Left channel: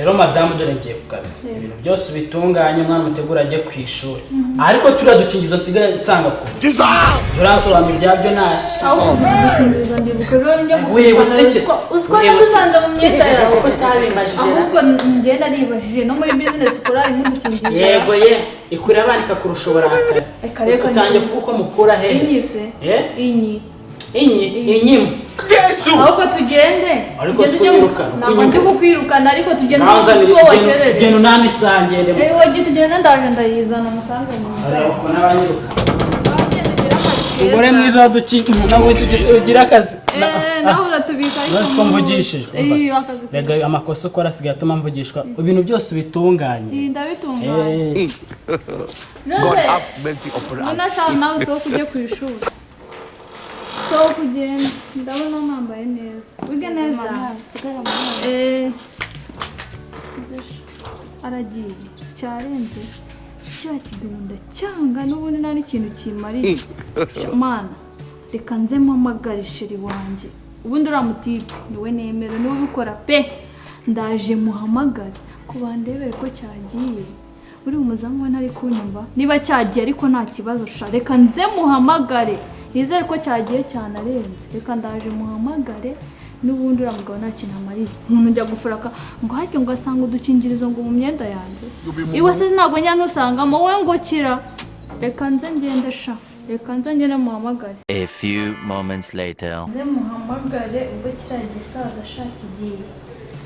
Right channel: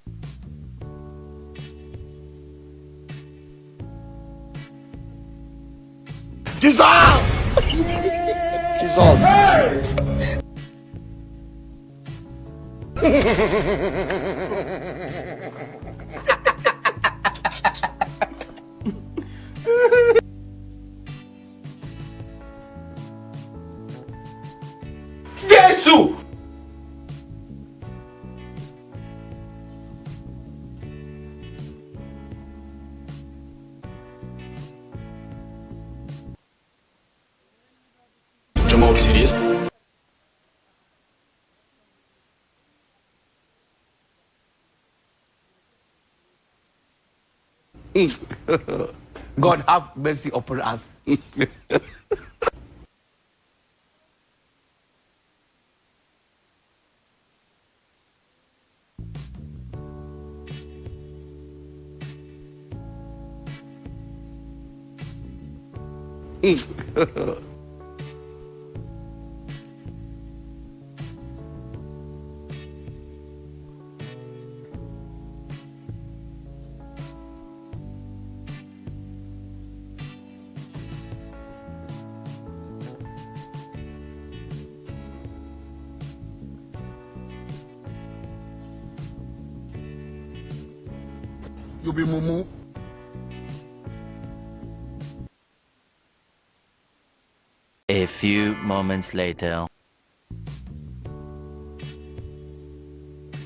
rero madamu dore ngiye ku kazi ibintu byose bitunganye umwana mutegura ajye ku ishuri ariko turadukingizo nsigaye nsanga ko uransobanura ibyabyo nashye wibutse iki uziko nagusanze mu myenda yawe ahubwo ngenda nibajije no muri business ukora imudukingirizo yego ye ikurira abandika kurusha uburakari utangiye kuko mukura heza inyimu Yesu ahubwo tugende ariko kwiruka ntabwo ndi kukwirukana ariko tugende uko wakerere genda unamisangende wagiye tugende ndaje ndayizana musange ariko n'abanyiruka Umugore mwiza wadukingirizo ugira akazi naho uratubika ariko basi ko mvugishijwe rega amakosa ukora asigaye atuma mvugishwa ibintu byose bitunganye ndabitunganye God have mercy upon us. Nashaka nawe so kujye ku ishuri so kugenda ndabona mwambaye neza wige neza aragiye cyarenze cya kigunda cyanga n'ubundi nta n'ikintu kimariye mana reka nzemo amagarisheri wanjye ubundi uramutipe niwe nemera niwe ubikora pe ndaje muhamagare ku bandebere ko cyagiye uri umuzamu we ntari kunyumva niba cyagiye ariko nta kibazo sha reka nze muhamagare nizere ko cyagiye cyane arenze reka ndaje muhamagare n'ubundi uramugabo nta kintu amariye umuntu njya gufuraka ngo hake ngo asanga udukingirizo ngo mu myenda yanjye iwe se ntabwo njya nusangamo wowe ngo kira reka nze ngende sha reka nze ngende muhamagare. A few moments later nze muhamagare ubwo kiriya gisaza sha kigiye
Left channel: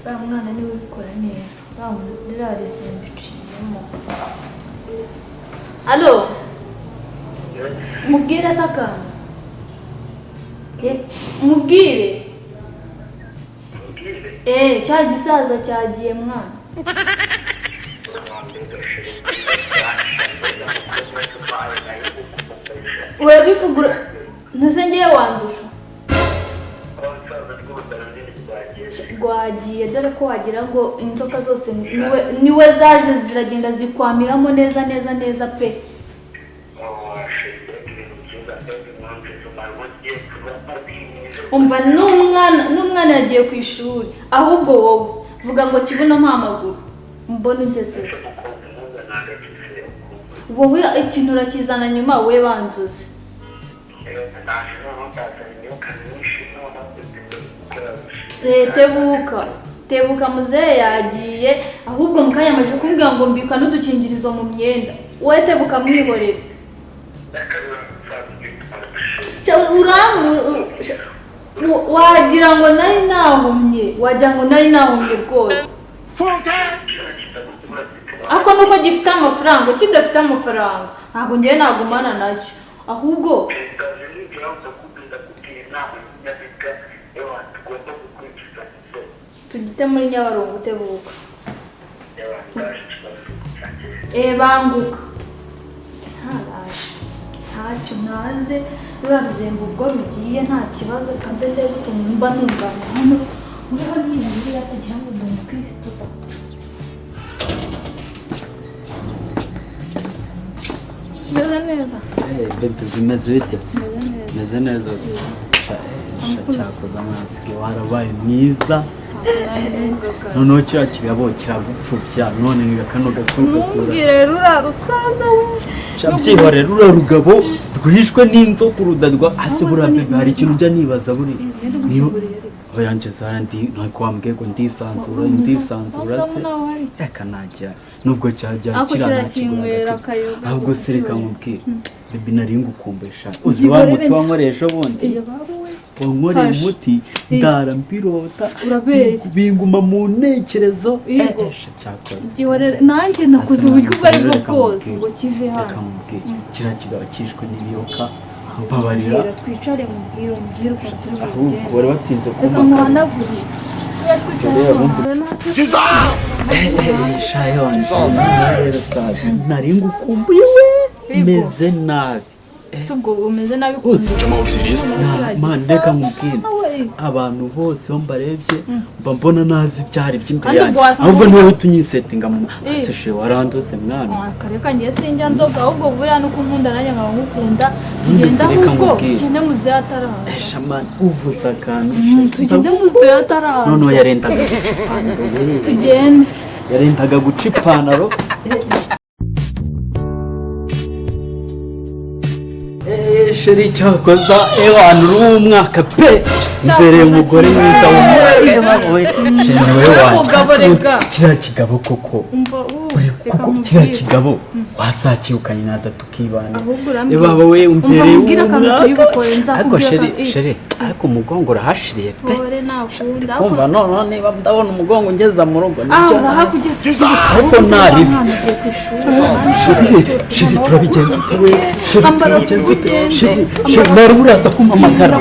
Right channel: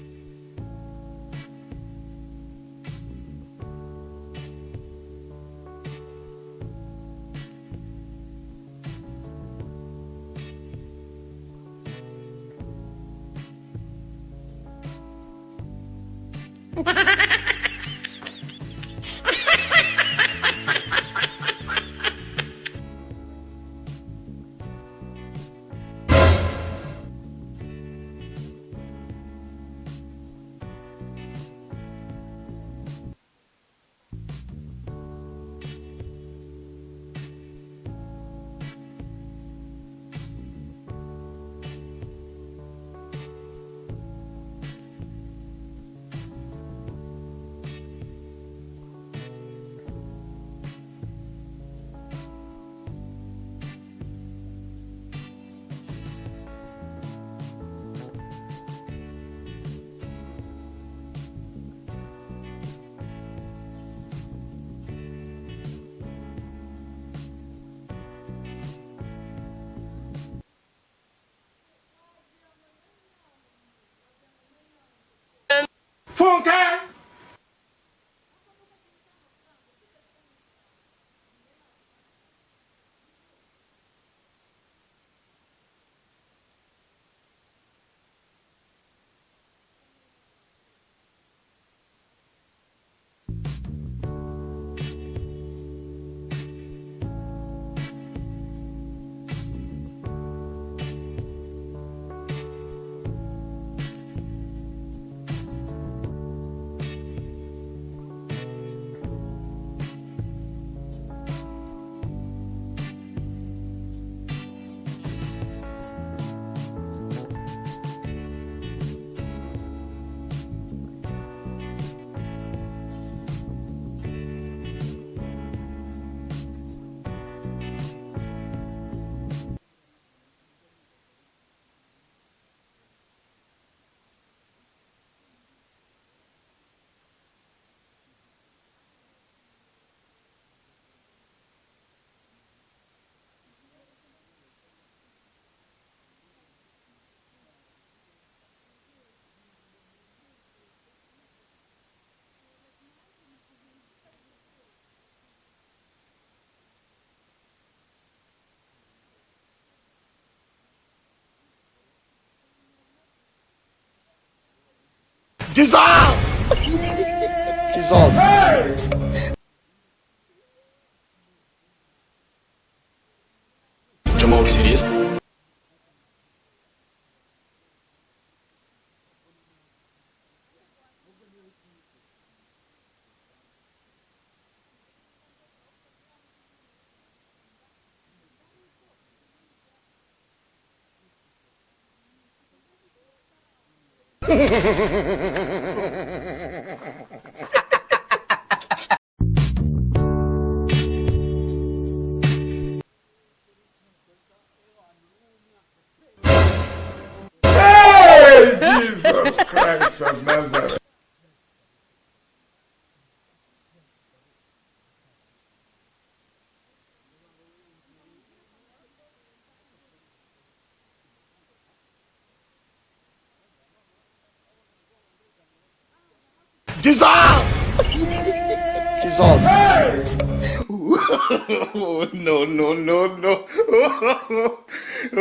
uriya mwana niwe ubikora neza uriya resembe iciyemo. Alo mubwire saka mubwire cya gisaza cyagiye mwana we bifugura ntuzengeye wandusha rwagiye dore ko wagira ngo inzoka zose niwe zaje ziragenda zikwamiramo neza neza neza pe umva n'umwana yagiye ku ishuri ahubwo wowe vuga ngo kibuno mpamaguru mbona ugeze wowe ikintu urakizana nyuma we banzuze tebuka muzehe yagiye ahubwo mukanya amaze kumbwira ngo mbika n'udukingirizo mu myenda wowe tebuka mwihorere wagira ngo nari nahumye rwose ako nuko gifite amafaranga kidafite amafaranga ntabwo ngewe nagumana nacyo ahubwo tugite muri Nyabarongo utebuka banguka ntacyo ntaze rurabizemba ubwo rugiye nta kibazo kanze ndebe gutuma mba numva hano uriho n'ibindi yatagira ngo ndi umukristo meze neza bimeze bite se meze neza se cyakoze amasike warabaye mwiza noneho kiriya kirabo kiragupfubya none niga kano gasuka mumbwire rurarusaza byihore rurarugabo rwishwe n'inzoka urudadwa hasi burabebe hari ikintu ujya nibaza buri niyo bayanje zara ndi ntakwambwiye ngo ndisanzura se reka najya nubwo cyajya kiranakira ahubwo se reka mubwire bebe nari ngukumbesha uzi wa muti wankoresha bundi wankoreye umuti ndara mbirota binguma mu ntekerezo cyakoze nanjye nakoze uburyo ubwo ari bwo bwose ngo kive hano kiriya kigabo cyishwe n'ibiyoka mbabarira twicare mubwire ukuntu turi ahubwo bari batinze kumva muhanagure nari ngukumbuye meze nabi ubwo umeze nabi Jamal serious? man reka mubwire abantu bose bo mbarebye mba mbona nazi ibyari by'imbere Kandi yanjye ubwo wasanga ahubwo uvuga- niwe tunyisetinga mu aseshe waranduze mwana kareka ngiye sinjya ndoga ahubwo buriya nuko nkunda nanjye nkaba ngukunda Ntundi tugenda se reka ahubwo nkubwire. tugende mu zira ataraza eshamani uvuze akantu tugende mu zira ataraza noneho tugende yarendaga guca ipantaro sheri cyakoza ewana uri umwaka pe imbere umugore mwiza kiriya kigabo koko kuko kiriya kigabo wasakirukanye naza tukibana baba we umbereye ariko sheri ariko umugongo urahashiriye pe kumva none niba ndabona umugongo ngeza mu rugo nibyo ariko naribi sheri turabigenza sheri nari muraza kumpamagara